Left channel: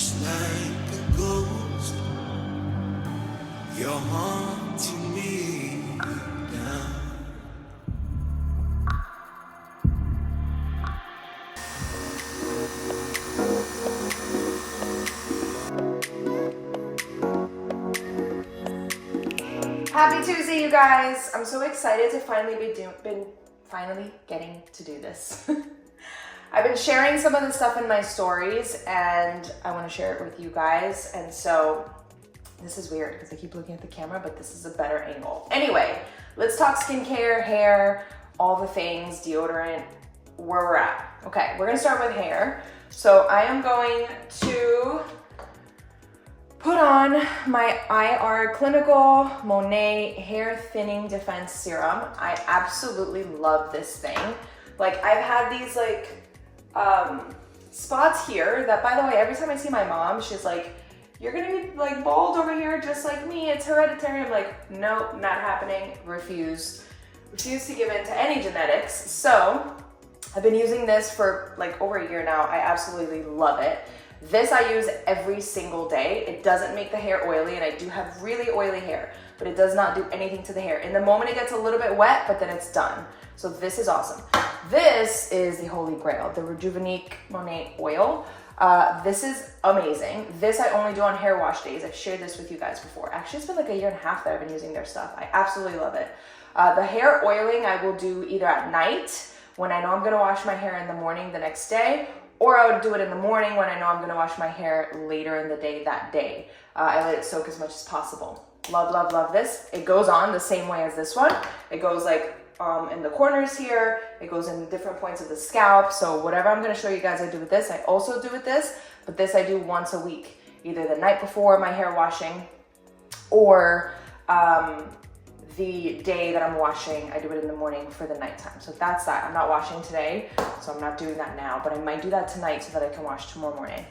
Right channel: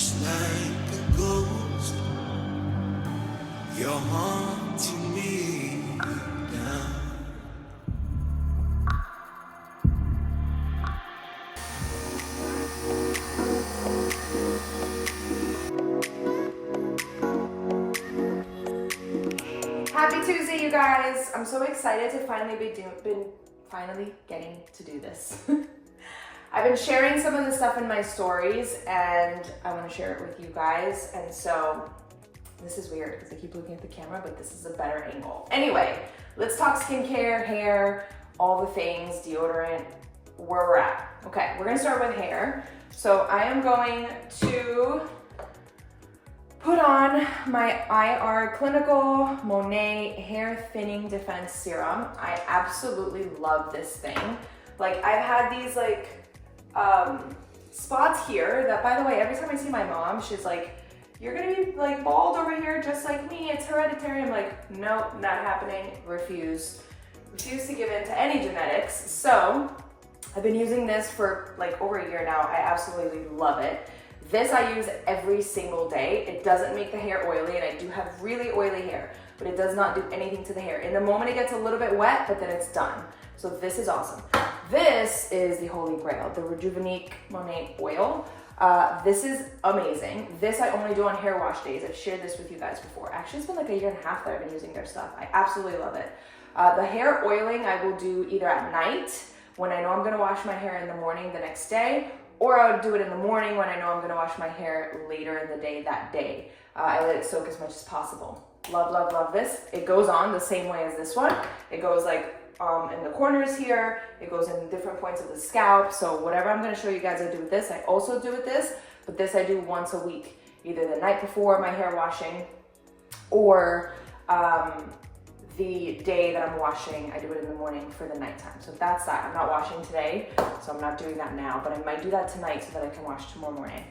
just like a ghost. You're haunting me now. Happy Tuesday, you guys! I'm so excited to finally finally getting to do this. I've been sharing some of the stuff in my stories and I want to share it with you guys. And so this is weird because I keep looking at the camera, but this is a better angle. Anyway, let's talk skincare, hair, all the things, deodorant, where we're at. Okay, we're gonna start with hair. So I am going to put on my IR Clinical Monet Hair Thinning Defense Serum. I absolutely love this thing. Like, I've had these spots here that, by the way, every time I see my mom, she's like, you're gonna be like bald over here just like me, it's hereditary. I'm like, no, not happening, refuse to give in to any genetics. So I've been using this for like over a year now. I absolutely love it. This I use every single day. It doesn't make the hair oily, and I do have really oily hair, but it does not do anything to the hair. In the moment it gets a little bit wet, but then it's done. So this is awesome. This is the Holy Grail, the Rejuvenique Monet Oil. This is amazing. This I only do on hair wash days. I've shared this with you guys before. Actually, it's been like a year and a half that I've been using their stuff. I absolutely love it. The hair oiling I will do either at night when I know I'm gonna wash my hair in the morning the next day, or I would do it in the morning when I know I'm gonna wash my hair later in the day that day. I let it soak as much as possible. Love, love, love this. It goes on the same way as this one. It goes like in the corners here. It goes in different points of the scalp. So whatever I'm gonna show you guys I do with this, I also do with this, but this I do once a week, either the night before my hair washing or the day that I'm washing. I do it in the morning for the nighttime. So that's that. I'm not washing today, so I'm not doing that now, but I might do that tonight so that I can wash tomorrow morning.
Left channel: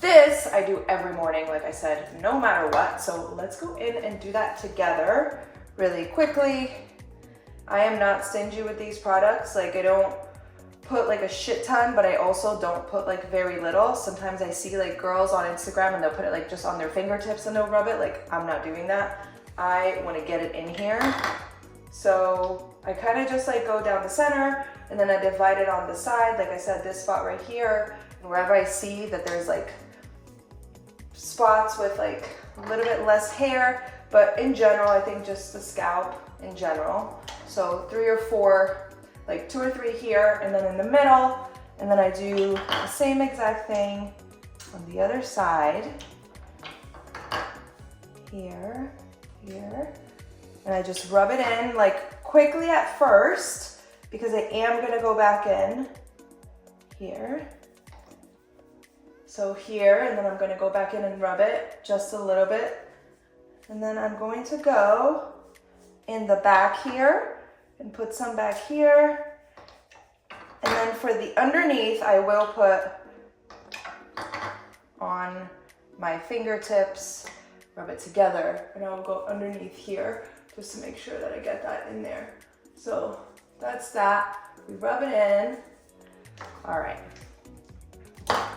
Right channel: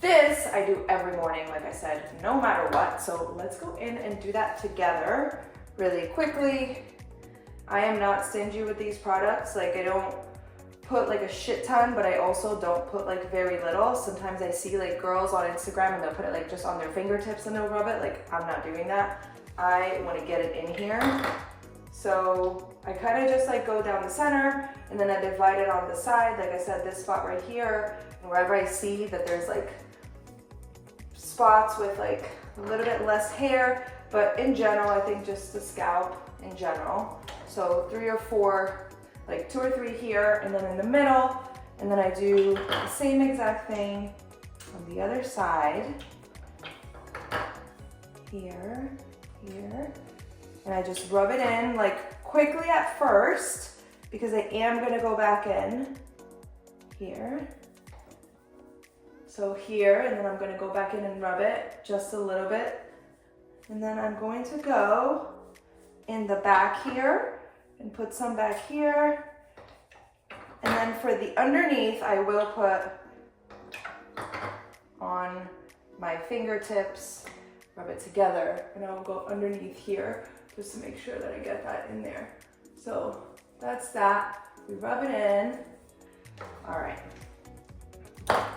This I do every morning, like I said, no matter what. So let's go in and do that together really quickly. I am not stingy with these products. Like, I don't put like a shit ton, but I also don't put like very little. Sometimes I see like girls on Instagram and they'll put it like just on their fingertips and they'll rub it. Like, I'm not doing that. I want to get it in here. So I kind of just like go down the center and then I divide it on the side. Like I said, this spot right here, wherever I see that there's like spots with like a little bit less hair, but in general, I think just the scalp in general. So 3 or 4, like 2 or 3 here, and then in the middle, and then I do the same exact thing on the other side. Here, here, and I just rub it in like quickly at first because I am gonna go back in here. So here, and then I'm gonna go back in and rub it just a little bit. And then I'm going to go in the back here and put some back here. And then for the underneath, I will put on my fingertips, rub it together, and I'll go underneath here just to make sure that I get that in there. So that's that. We rub it in. All right.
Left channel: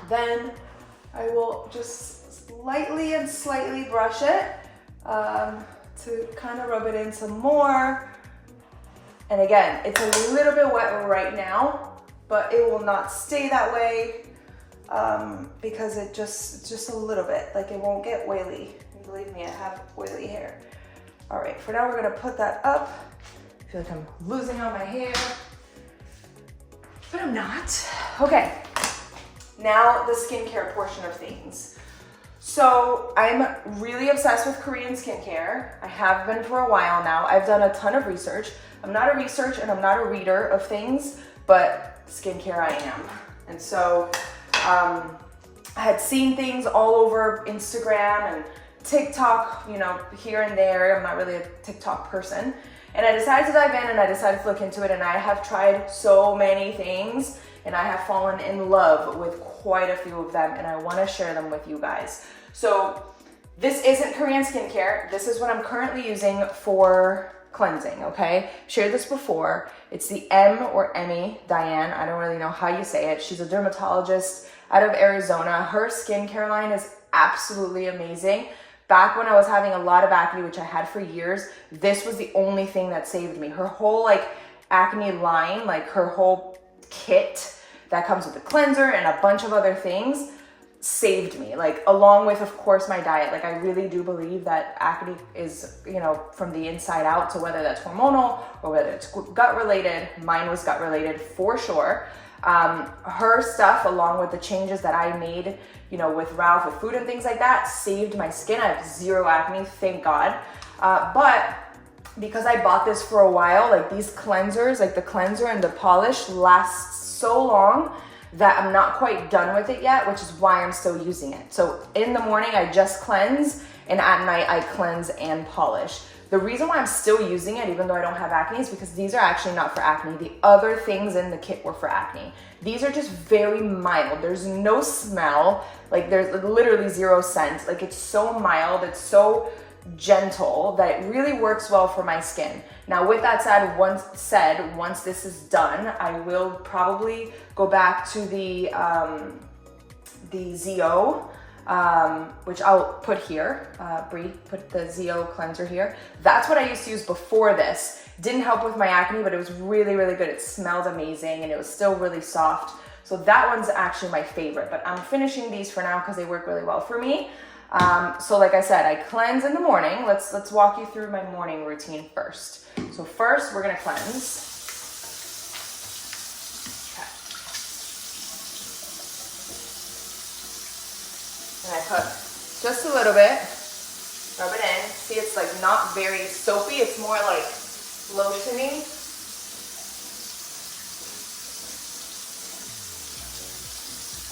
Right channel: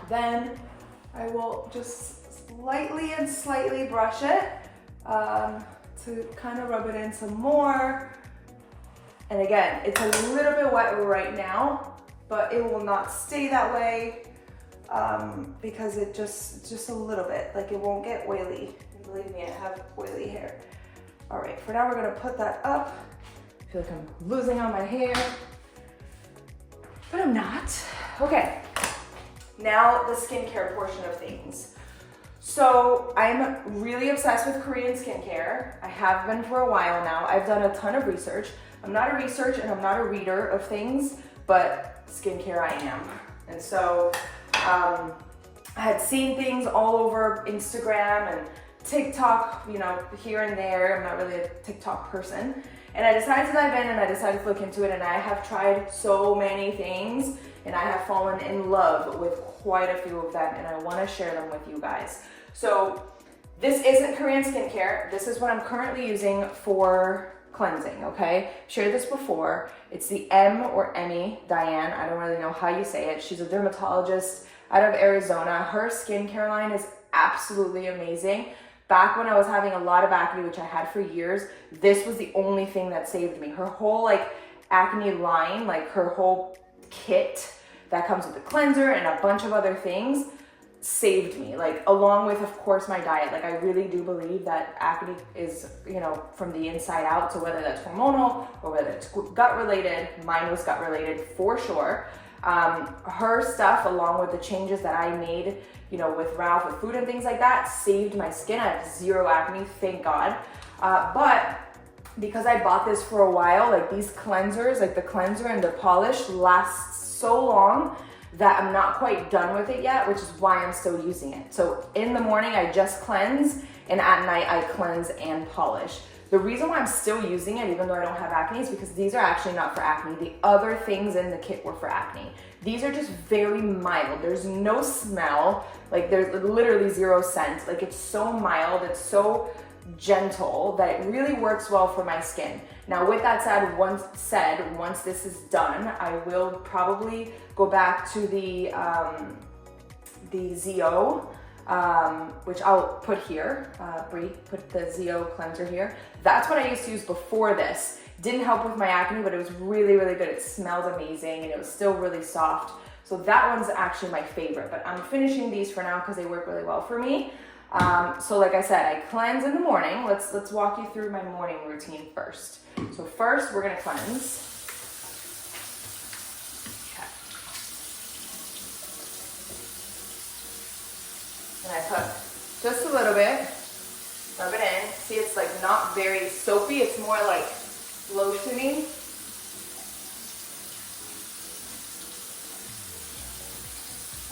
Then I will just lightly and slightly brush it to kind of rub it in some more. And again, it's a little bit wet right now, but it will not stay that way because it's just a little bit, like it won't get oily. Believe me, I have oily hair. All right, for now we're gonna put that up. I feel like I'm losing all my hair, but I'm not. Okay, now the skincare portion of things. So I'm really obsessed with Korean skincare. I have been for a while now. I've done a ton of research. I'm not a researcher and I'm not a reader of things, but skincare I am. And so I had seen things all over Instagram and TikTok, you know, here and there. I'm not really a TikTok person. And I decided to dive in and I decided to look into it, and I have tried so many things and I have fallen in love with quite a few of them, and I want to share them with you guys. So this isn't Korean skincare. This is what I'm currently using for cleansing, okay? Shared this before. It's the M or Emmy Diane. I don't really know how you say it. She's a dermatologist out of Arizona. Her skincare line is absolutely amazing. Back when I was having a lot of acne, which I had for years, this was the only thing that saved me. Her whole like acne line, like her whole kit that comes with a cleanser and a bunch of other things, saved me, like along with, of course, my diet. Like I really do believe that acne is, you know, from the inside out. So whether that's hormonal or whether it's gut related, mine was gut related for sure. Her stuff, along with the changes that I made, you know, with Ralph, with food and things like that, saved my skin. I have zero acne, thank God. But because I bought this for a while, like these cleansers, like the cleanser and the polish lasts so long that I'm not quite done with it yet, which is why I'm still using it. So in the morning, I just cleanse, and at night, I cleanse and polish. The reason why I'm still using it, even though I don't have acne, is because these are actually not for acne. The other things in the kit were for acne. These are just very mild. There's no smell, like there's literally zero scent. Like it's so mild, it's so gentle that it really works well for my skin. Now with that said, once this is done, I will probably go back to the ZO, which I'll put here. Bree, put the ZO cleanser here. That's what I used to use before this. Didn't help with my acne, but it was really, really good. It smelled amazing and it was still really soft. So that one's actually my favorite, but I'm finishing these for now because they work really well for me. So like I said, I cleanse in the morning. Let's walk you through my morning routine first. So first we're gonna cleanse. And I put just a little bit, rub it in. See, it's like not very soapy, it's more like lotioning.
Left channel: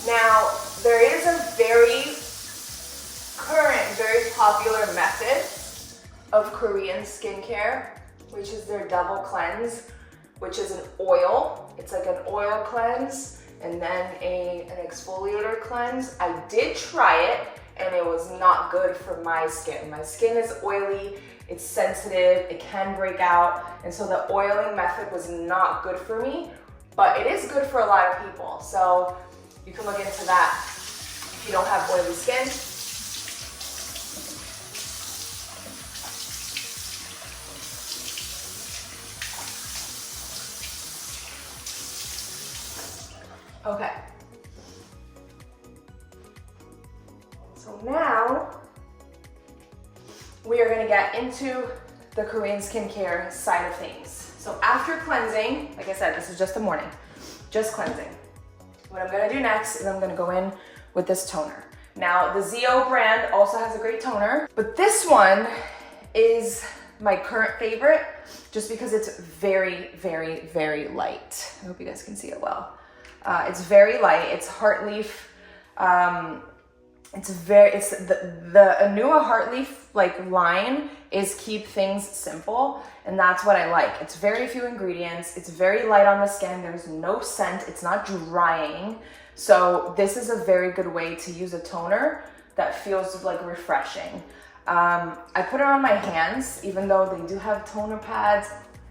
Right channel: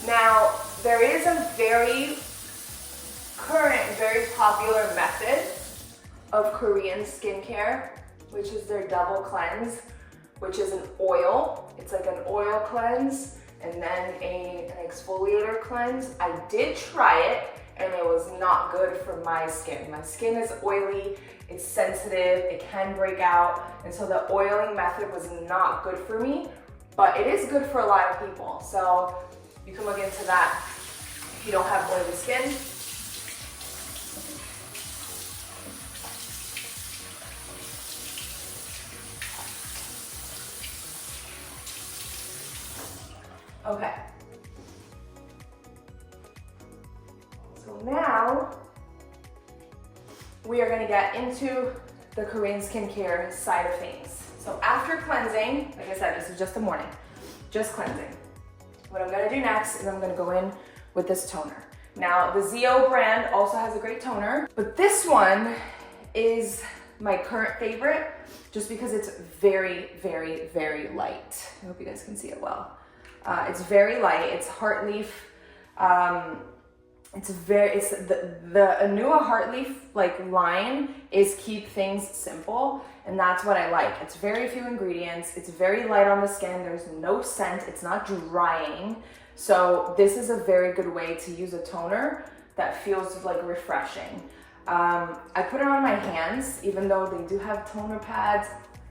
Now, there is a very popular method of Korean skincare, which is their double cleanse, which is an oil. It's like an oil cleanse and then an exfoliator cleanse. I did try it and it was not good for my skin. My skin is oily, it's sensitive, it can break out, and so the oiling method was not good for me, but it is good for a lot of people. So you can look into that if you don't have oily skin. Okay. So now we are going to get into the Korean skincare side of things. So after cleansing, like I said, this is just the morning, just cleansing. What I'm going to do next is I'm going to go in with this toner. Now the ZO brand also has a great toner, but this one is my current favorite just because it's very, very, very light. I hope you guys can see it well. It's very light. It's heart leaf. It's the Anua heart leaf like line is keep things simple, and that's what I like. It's very few ingredients. It's very light on the skin. There's no scent. It's not drying. So this is a very good way to use a toner that feels like refreshing. I put it on my hands, even though they do have toner pads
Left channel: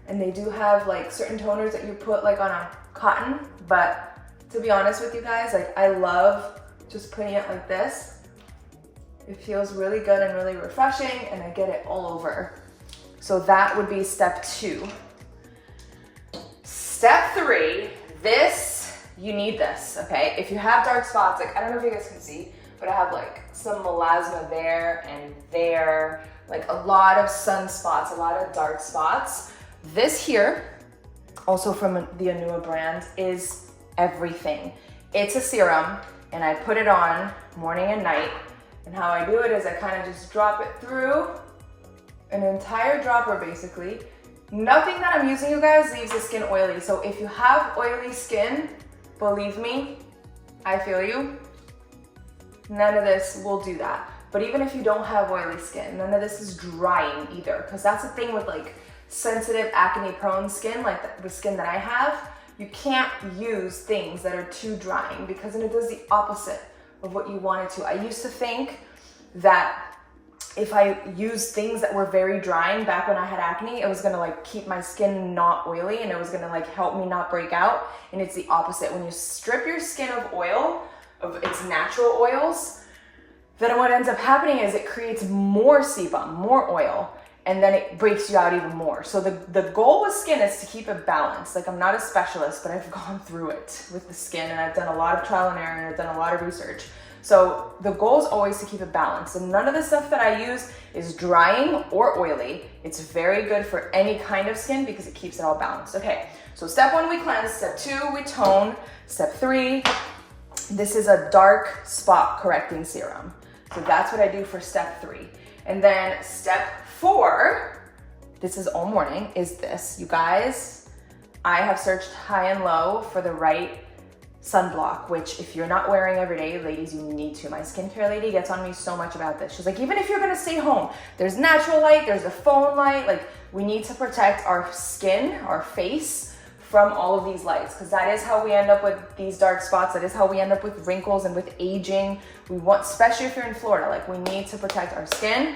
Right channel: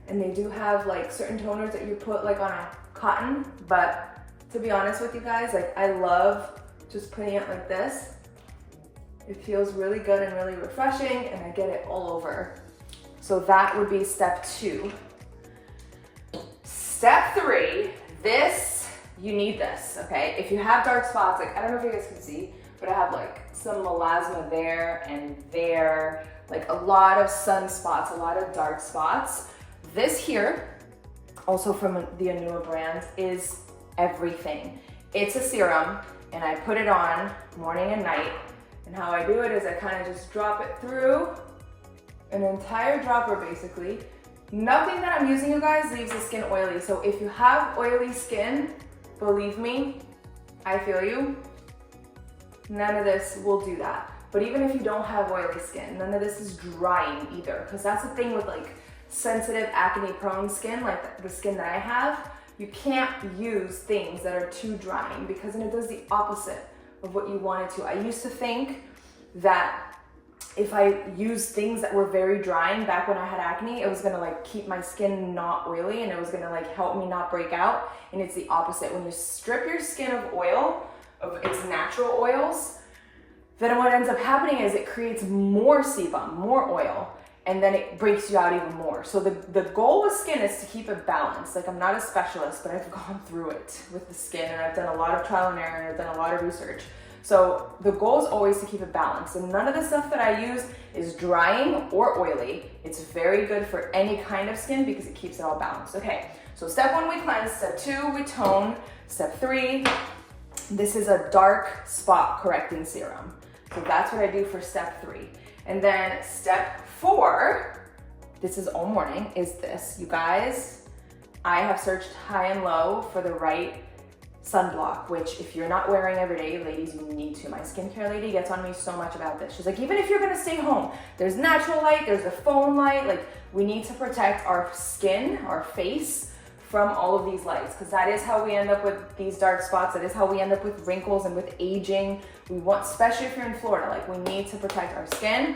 and they do have like certain toners that you put like on a cotton, but to be honest with you guys, like I love just putting it like this. It feels really good and really refreshing, and I get it all over. So that would be step 2. Step 3, you need this, okay? If you have dark spots, like I don't know if you guys can see, but I have like some melasma there and there, like a lot of sunspots, a lot of dark spots. This here, also from the Anua brand, is everything. It's a serum, and I put it on morning and night. And how I do it is I kind of just drop it through an entire dropper basically. Nothing that I'm using, you guys, leaves the skin oily. So if you have oily skin, believe me, I feel you. None of this will do that. But even if you don't have oily skin, none of this is drying either. Because that's the thing with like sensitive acne prone skin, like the skin that I have. You can't use things that are too drying because then it does the opposite of what you want it to. I used to think that if I used things that were very drying back when I had acne, it was gonna like keep my skin not oily and it was gonna like help me not break out. And it's the opposite. When you strip your skin of oil, of its natural oils, then what ends up happening is it creates more sebum, more oil, and then it breaks you out even more. So the goal with skin is to keep it balanced. Like, I'm not a specialist, but I've gone through it with the skin, and I've done a lot of trial and error, and I've done a lot of research. So the goal is always to keep it balanced. And none of the stuff that I use is drying or oily. It's very good for any kind of skin because it keeps it all balanced. Okay, so step 1, we cleanse. Step 2, we tone. Step 3, this is a dark spot correcting serum. So that's what I do for step 3. And then step 4, this is all morning, is this. You guys, I have searched high and low for the right sunblock, which if you're not wearing every day, ladies, you need to. My skincare lady gets on me so much about this. She's like, even if you're gonna stay home, there's natural light, there's a phone light, like we need to protect our skin, our face from all of these lights, because that is how we end up with these dark spots. That is how we end up with wrinkles and with aging. We want, especially if you're in Florida, like we need to protect our skin.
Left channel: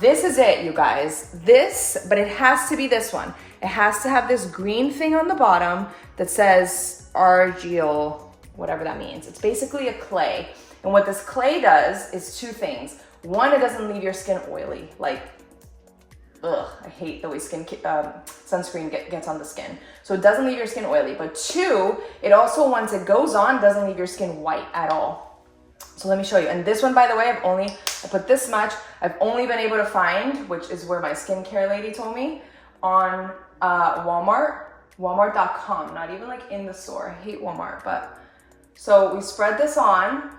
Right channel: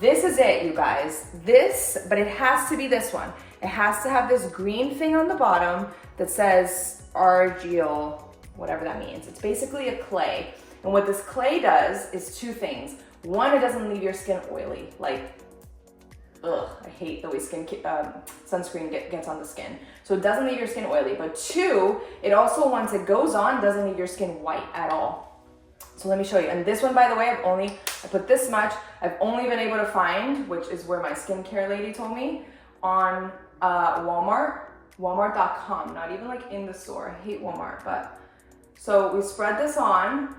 This is it, you guys. This, but it has to be this one. It has to have this green thing on the bottom that says argil, whatever that means. It's basically a clay. And what this clay does is 2 things. 1, it doesn't leave your skin oily. Like, ugh, I hate the way sunscreen gets on the skin. So it doesn't leave your skin oily. But 2, it also, once it goes on, doesn't leave your skin white at all. So let me show you. And this one, by the way, I put this much. I've only been able to find, which is where my skincare lady told me, on Walmart.com, not even like in the store. I hate Walmart, but. So we spread this on.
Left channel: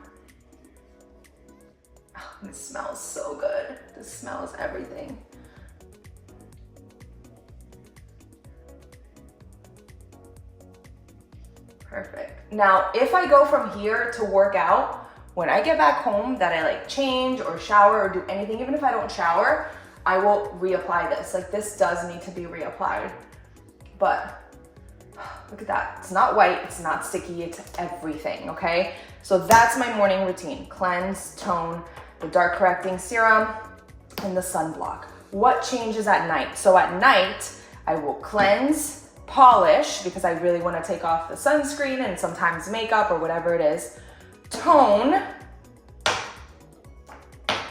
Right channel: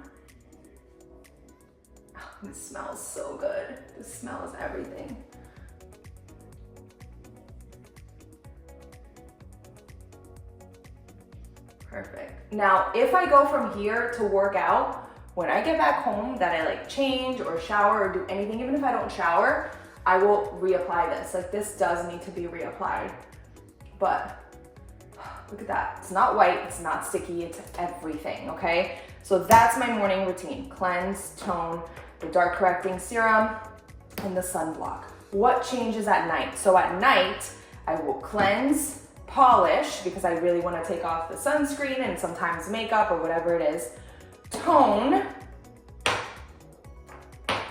Oh, this smells so good. This smells everything. Perfect. Now, if I go from here to work out, when I get back home that I like change or shower or do anything, even if I don't shower, I will reapply this. Like, this does need to be reapplied. But look at that. It's not white, it's not sticky, it's everything, okay? So that's my morning routine. Cleanse, tone, the dark correcting serum, and the sunblock. What changes at night? So at night, I will cleanse, polish, because I really want to take off the sunscreen and sometimes makeup or whatever it is. Tone,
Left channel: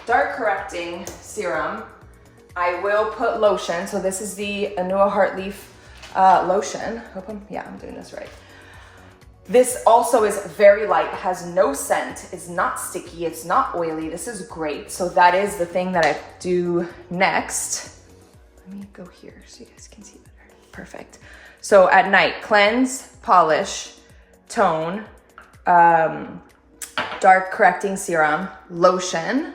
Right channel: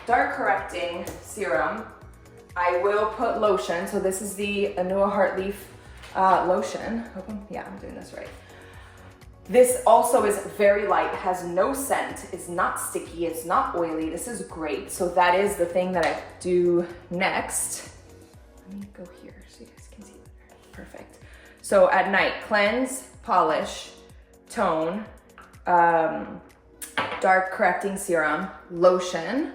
dark correcting serum. I will put lotion. So this is the Anua Heartleaf lotion. Yeah, I'm doing this right. This also is very light, has no scent, is not sticky, it's not oily. This is great. So that is the thing that I do next. Let me go here so you guys can see better. Perfect. So at night, cleanse, polish, tone, dark correcting serum, lotion,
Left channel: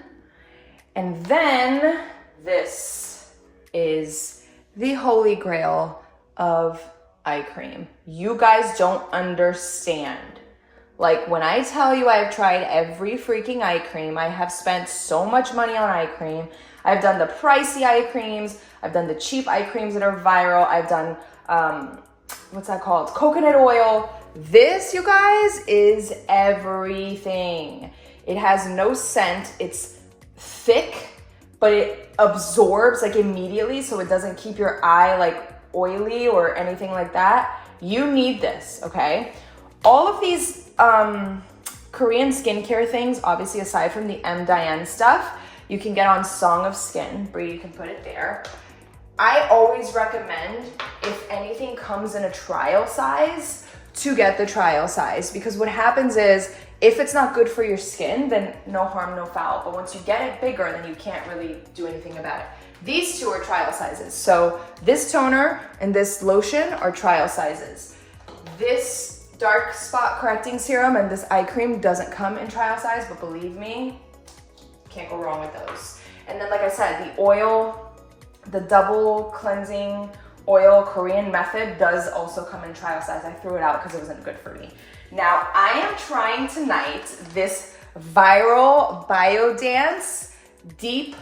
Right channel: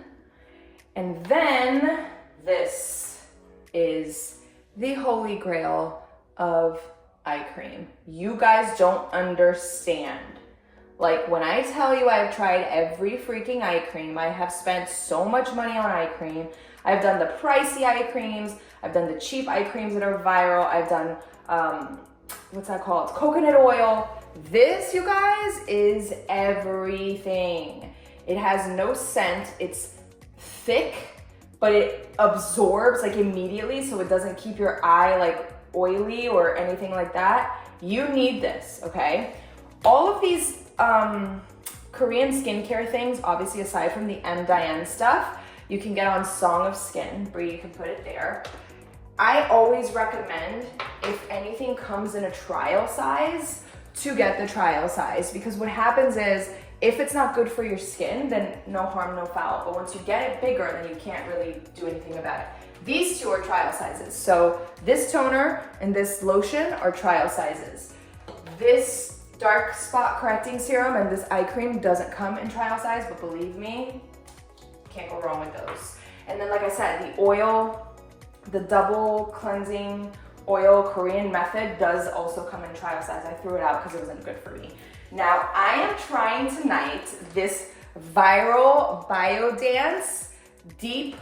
and then this is the holy grail of eye cream. You guys don't understand. Like, when I tell you I've tried every freaking eye cream, I have spent so much money on eye cream. I've done the pricey eye creams, I've done the cheap eye creams that are viral, I've done, what's that called? Coconut oil. This, you guys, is everything. It has no scent, it's thick, but it absorbs like immediately, so it doesn't keep your eye like oily or anything like that. You need this, okay? All of these Korean skincare things, obviously aside from the M. Diane stuff, you can get on Song of Skin. Bree, you can put it there. I always recommend, if anything comes in a trial size, to get the trial size, because what happens is, if it's not good for your skin, then no harm, no foul. But once you get it bigger, then you can't really do anything about it. These 2 are trial sizes. So this toner and this lotion are trial sizes. This dark spot correcting serum and this eye cream doesn't come in trial size, but believe me, can't go wrong with those. And then, like I said, the oil, the double cleansing oil Korean method does also come in trial size. I threw it out because it wasn't good for me. Now, I am trying tonight this viral Biodance Deep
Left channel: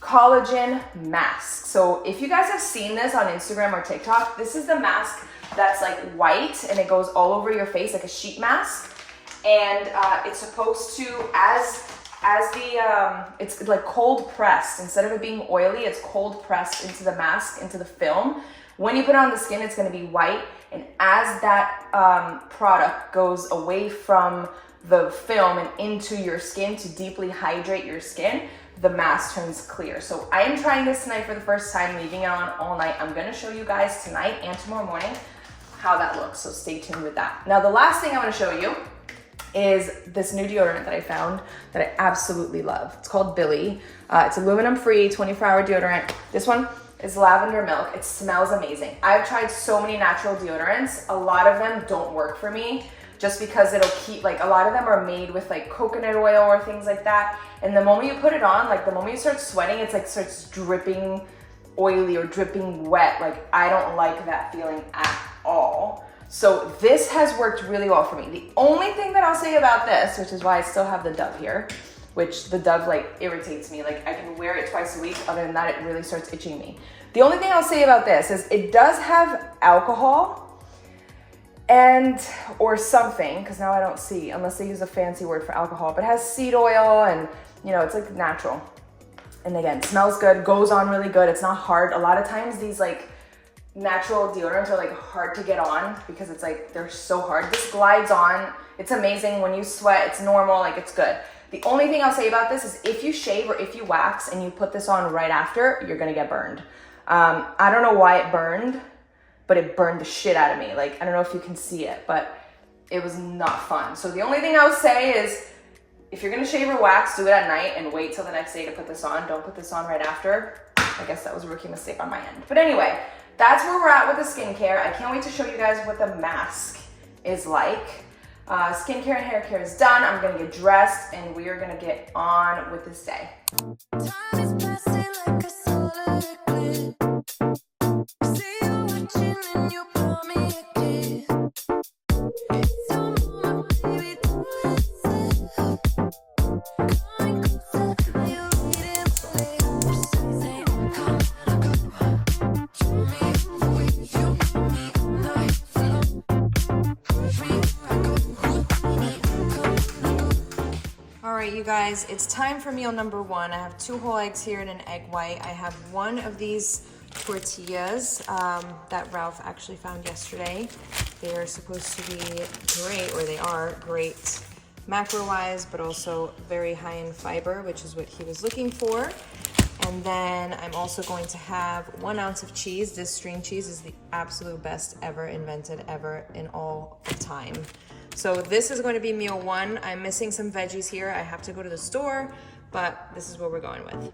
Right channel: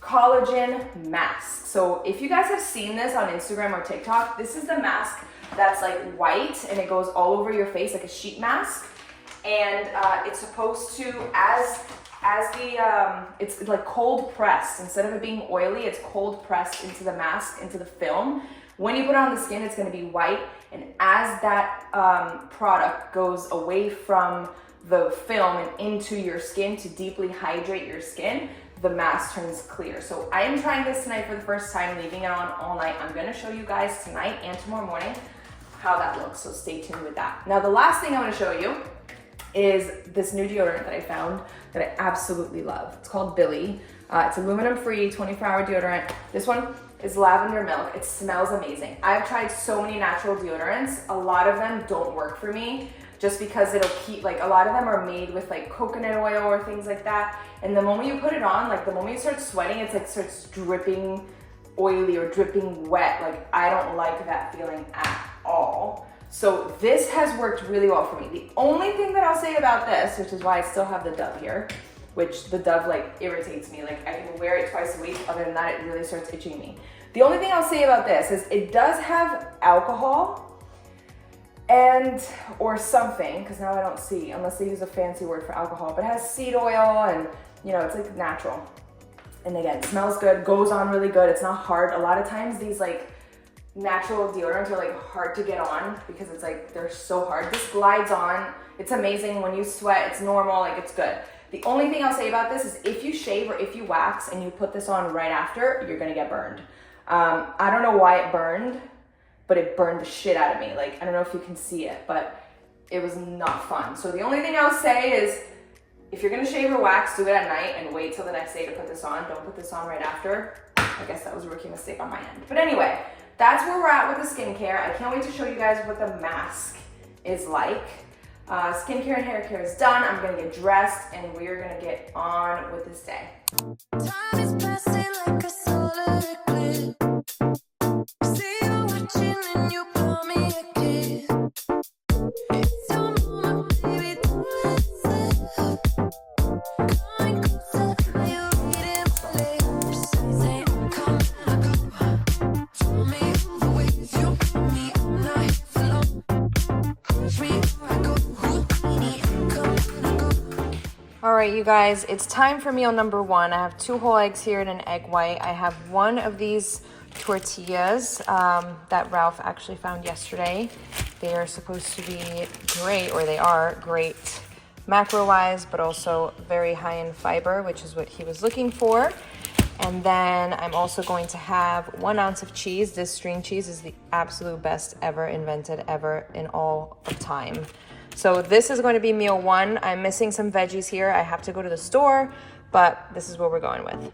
Collagen Mask. So if you guys have seen this on Instagram or TikTok, this is the mask that's like white and it goes all over your face like a sheet mask. And it's supposed to, it's like cold pressed. Instead of it being oily, it's cold pressed into the mask, into the film. When you put it on the skin, it's gonna be white. And as that product goes away from the film and into your skin to deeply hydrate your skin, the mask turns clear. So I am trying this tonight for the first time, leaving it on all night. I'm gonna show you guys tonight and tomorrow morning how that looks, so stay tuned with that. Now the last thing I wanna show you is this new deodorant that I found that I absolutely love. It's called Billy. It's aluminum free, 24-hour deodorant. This one is lavender milk. It smells amazing. I've tried so many natural deodorants. A lot of them don't work for me just because it'll keep, like, a lot of them are made with like coconut oil or things like that. And the moment you put it on, like the moment you start sweating, it's like starts dripping oily or dripping wet. Like I don't like that feeling at all. So this has worked really well for me. The only thing that I'll say about this, which is why I still have the Dove here, which the Dove like irritates me. Like I can wear it twice a week. Other than that, it really starts itching me. The only thing I'll say about this is it does have alcohol and, or something, because now I don't see, unless they use a fancy word for alcohol, but it has seed oil and, you know, it's like natural. And again, smells good, goes on really good. It's not hard. A lot of times these like natural deodorants are like hard to get on because it's like, they're so hard. This glides on. It's amazing. When you sweat, it's normal, like it's good. The only thing I'll say about this is if you shave or if you wax and you put this on right after, you're gonna get burned. I don't know why it burned, but it burned the shit out of me. Like, I don't know if you can see it, but it was not fun. So the only thing I would say is if you're gonna shave or wax, do it at night and wait till the next day to put this on. Don't put this on right after. I guess that was a rookie mistake on my end. But anyway, that's where we're at with the skincare. I can't wait to show you guys what the mask is like. Skincare and hair care is done. I'm gonna get dressed and we are gonna get on with this day. Time is passing like a solar eclipse. See you watching and you blow me a kiss. It's your moment, baby, do it yourself. Coming closer, are you reading my lips? Say I'm coming, I go. Show me the way you make me all night for long. Push me where I go, Houdini, I'm coming, I go. All right, you guys, it's time for meal number one. I have 2 whole eggs here and an egg white. I have one of these tortillas that Ralph actually found yesterday. They are supposed to be great, or they are great macro-wise, but also very high in fiber, which is what he was looking for. And then I'm also going to have 1 ounce of cheese. This string cheese is the absolute best ever invented ever in all of time. So this is going to be meal one. I'm missing some veggies here. I have to go to the store, but this is what we're going with.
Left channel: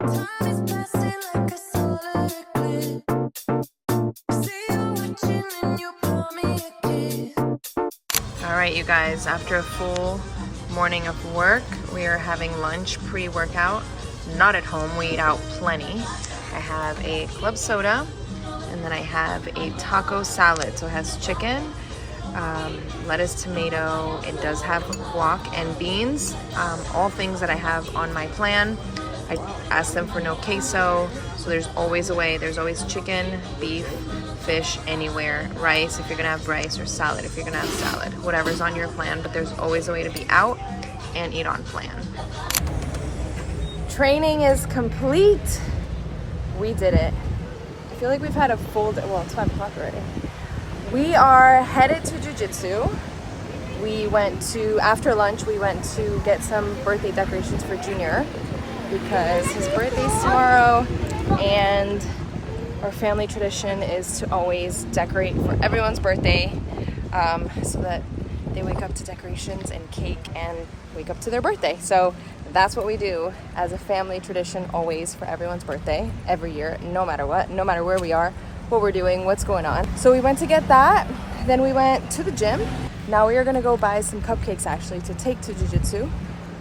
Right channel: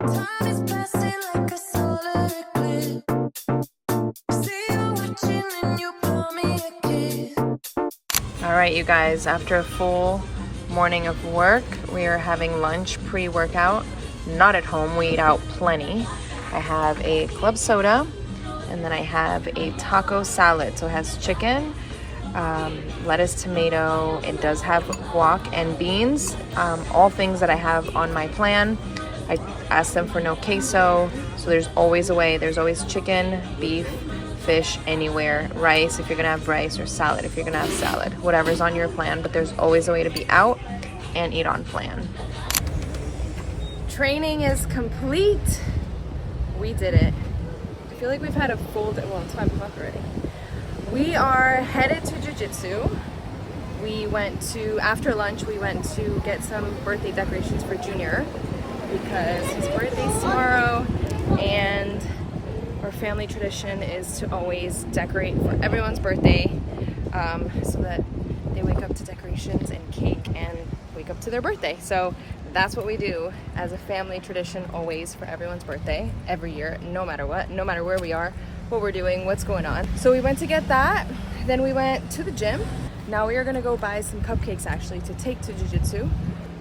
Time is passing like a solar eclipse. See you watching and you blow me a kiss. All right, you guys, after a full morning of work, we are having lunch pre-workout. Not at home, we eat out plenty. I have a club soda, and then I have a taco salad. So it has chicken, lettuce, tomato. It does have guac and beans, all things that I have on my plan. I asked them for no queso, so there's always a way. There's always chicken, beef, fish, anywhere, rice if you're gonna have rice, or salad if you're gonna have salad, whatever's on your plan, but there's always a way to be out and eat on plan. Training is complete. We did it. I feel like we've had a full day. Well, it's 5 o'clock already. We are headed to jiu-jitsu. We went to, after lunch, we went to get some birthday decorations for Junior because his birthday's tomorrow, and our family tradition is to always decorate for everyone's birthday so that they wake up to decorations and cake and wake up to their birthday. So that's what we do as a family tradition, always for everyone's birthday, every year, no matter what, no matter where we are, what we're doing, what's going on. So we went to get that, then we went to the gym. Now we are gonna go buy some cupcakes actually to take to jiu-jitsu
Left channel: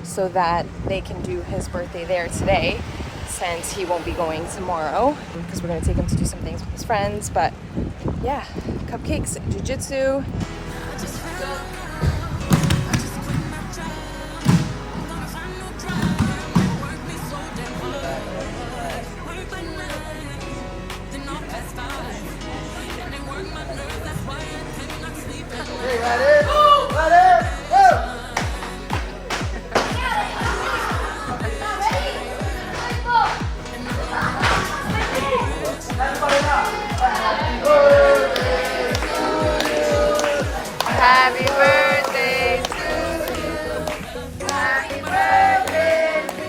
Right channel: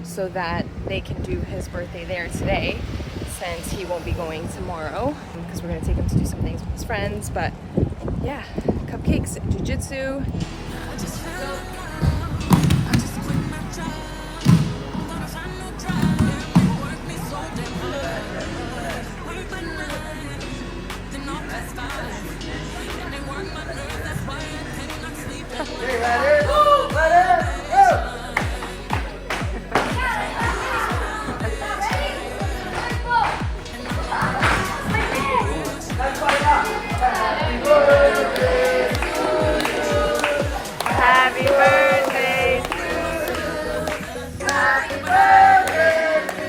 so that they can do his birthday there today, since he won't be going tomorrow, because we're gonna take him to do some things with his friends. But yeah, cupcakes, jiu-jitsu. I just fell in love. I just quit my job. I'm gonna find no drive. It worked me so damn hard. Work by 9, then off past 5. And they work my nerves, that's why I cannot sleep at night. Let's Happy birthday to you. Happy birthday to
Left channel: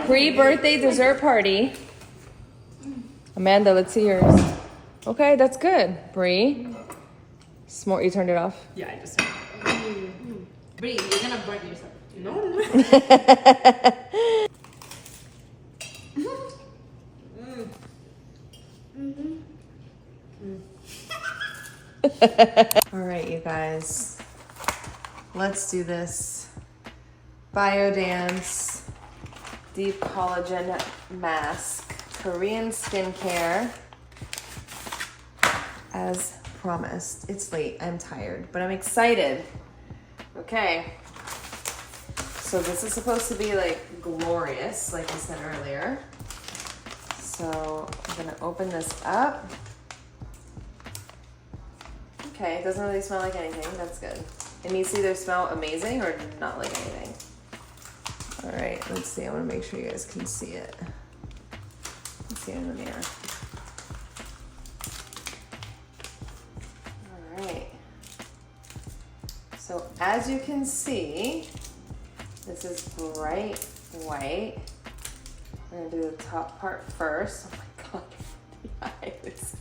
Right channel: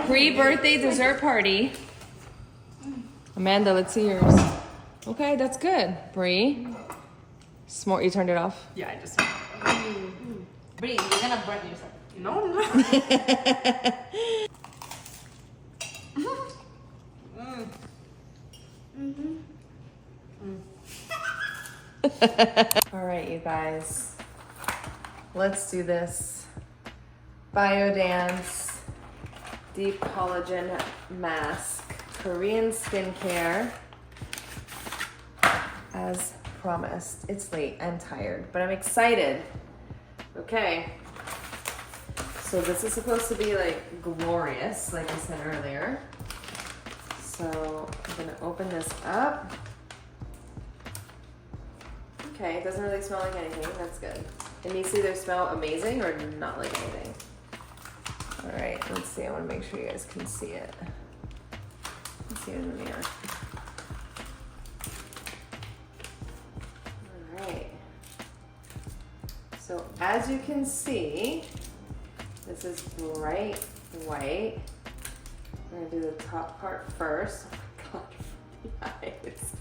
you. Pre-birthday dessert party. Amanda, let's see yours. Okay, that's good. Bree. Smart, you turned it off? Yeah, I just. Bree, you're gonna burn yourself. No, no. All right, you guys. Let's do this. Bio dance, deep collagen mask, Korean skincare. As promised. It's late and tired, but I'm excited. Okay. So this is supposed to be like glorious, like I said earlier. So I'm gonna open this up. Okay, it doesn't really smell like anything. That's good. It needs to either smell amazing or not like anything. All right, let's see. I want to make sure you guys can see it. Let's see it in the mirror. All right. So as you can see, this is bright white. We're gonna do the top part first. Oh my god, the eyes.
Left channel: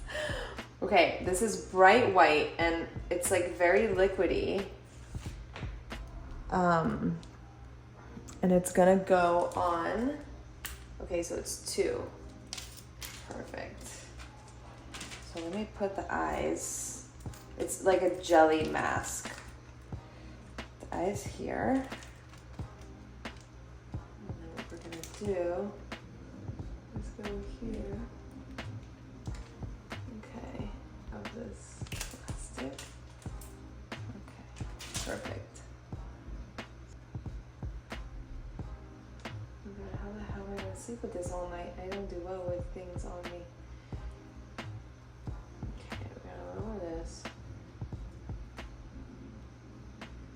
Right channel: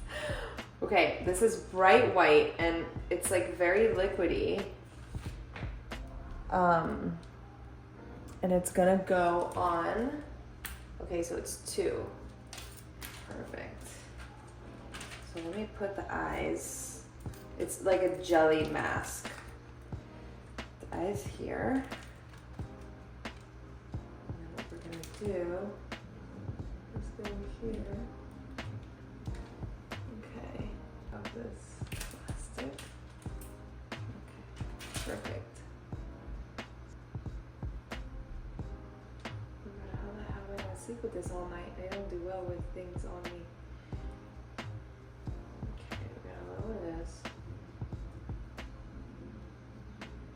Okay, this is bright white and it's like very liquidy. And it's gonna go on. Okay, so it's 2. Perfect. So let me put the eyes. It's like a jelly mask. The eyes here. And then what we're gonna do is go here. Okay, of this plastic. Okay, perfect. Oh my God, how the hell am I gonna sleep with this all night? I don't do well with things on me. Okay, we're gonna lower this.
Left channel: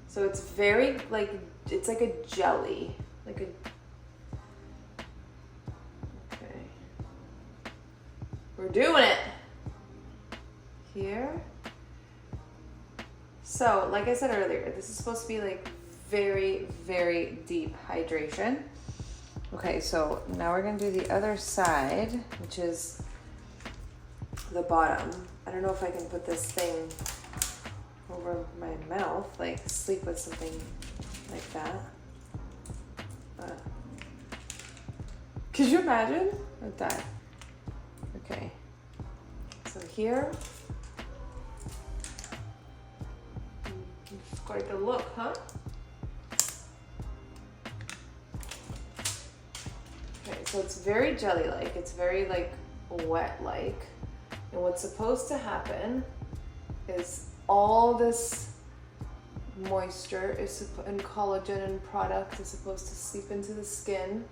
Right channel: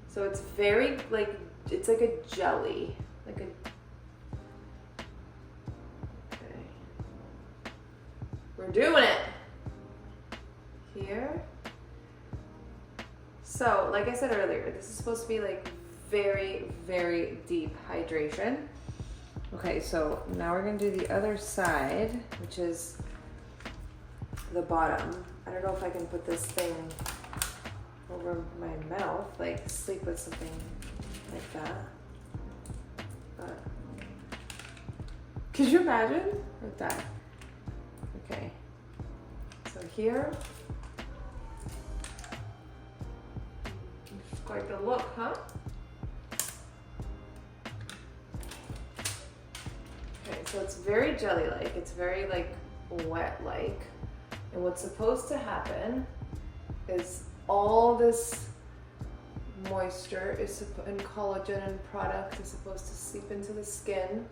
So it's very like, it's like a jelly, like a, okay. We're doing it. Here. So, like I said earlier, this is supposed to be like very, very deep hydration. Okay, so now we're gonna do the other side, which is the bottom. I don't know if I can put this thing over my mouth, like sleep with something like that. But could you imagine? I'd die. Okay. So here. It's quite a look, huh? Okay, so it's very jelly-like. It's very like wet-like. And what's supposed to happen is all this moisture and collagen and product is supposed to seep into the skin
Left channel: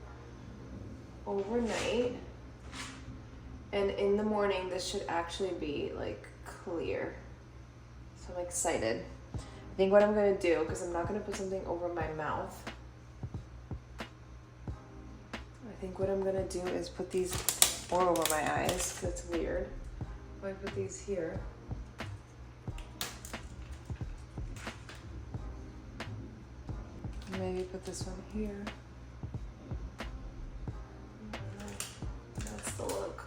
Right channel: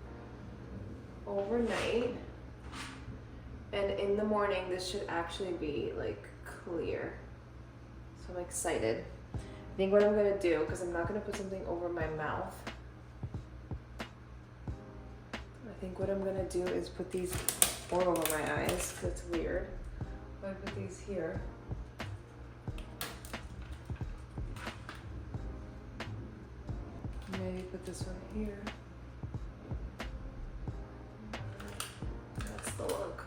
overnight. And in the morning, this should actually be like clear. So I'm excited. I think what I'm gonna do, because I'm not gonna put something over my mouth. I think what I'm gonna do is put these or over my eyes, because it's weird. If I put these here. Maybe put this one here. That's the look.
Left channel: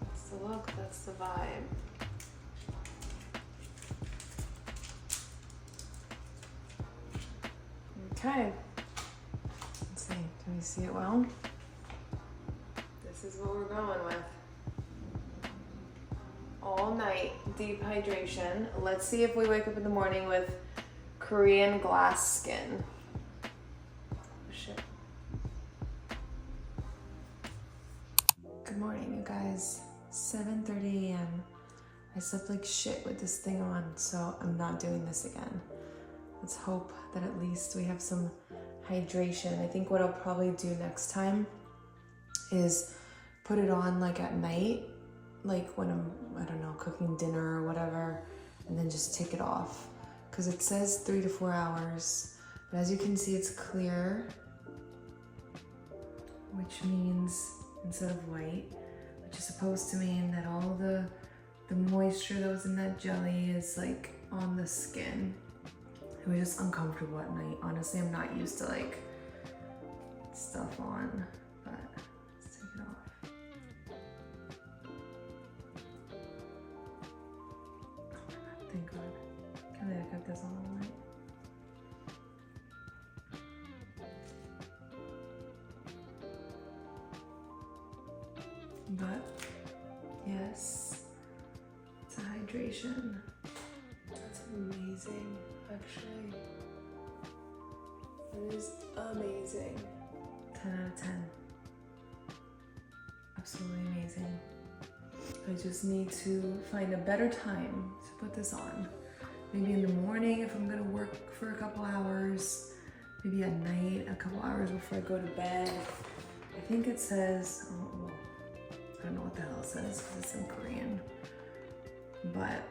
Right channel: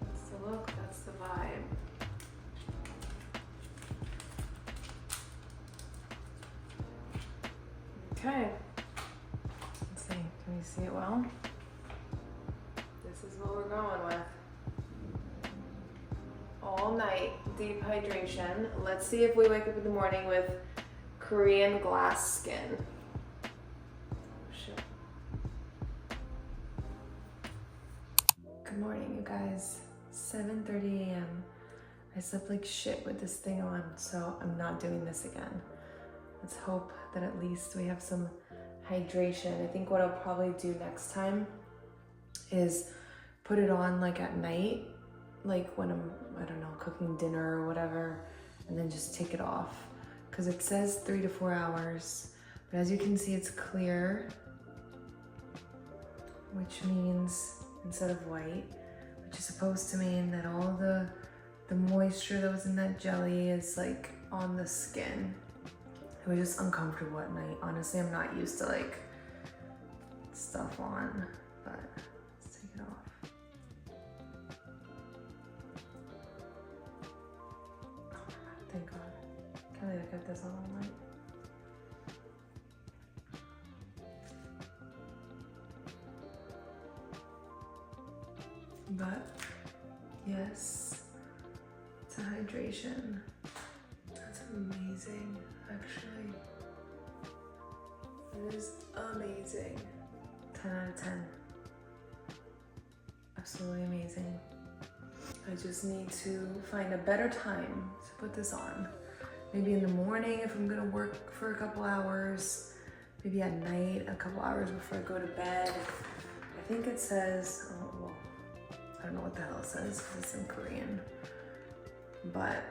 That's the look, that's the vibe. Okay. Let's see, can you see it well? This is what we're going with. All night, deep hydration. Let's see if we wake up in the morning with Korean glass skin. Shit. Good morning, you guys. 7:30 a.m. I slept like shit with this thing on, so I'm not doing this again. Let's hope that at least we have some hydration. I think what I'll probably do next time is put it on like at night, like when I'm, I don't know, cooking dinner or whatever, and then just take it off. Because it says 3 to 4 hours, but as you can see, it's clear. which means instead of white, which is supposed to mean that all the moisture that was in that jelly is like on the skin. It was just uncomfortable at night. Honestly, I'm not used to like stuff on, but let's take it off. Oh, thank God. Can't believe I kept this on all night. But yes, it's a hydration. That's amazing, actually. It is amazing. 10 out of 10. Absolutely amazing. I just need to find a better time to put this on. Maybe in the morning if I'm gonna work for a couple hours. Maybe at night, a couple hours before I go to bed. I think it says, oh, I don't know what the hell it says, it's in Korean. But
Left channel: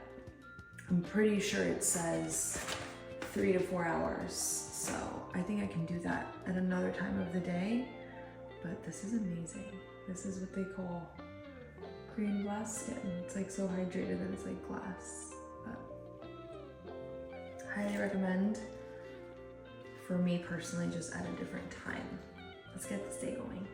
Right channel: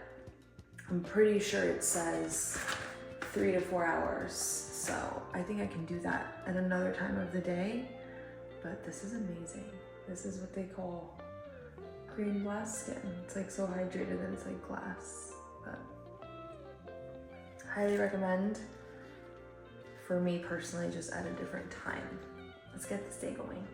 I'm pretty sure it says 3 to 4 hours. So I think I can do that at another time of the day. But this is amazing. This is what they call Korean glass skin. It's like so hydrated that it's like glass. But highly recommend. For me personally, just at a different time. Let's get this day going.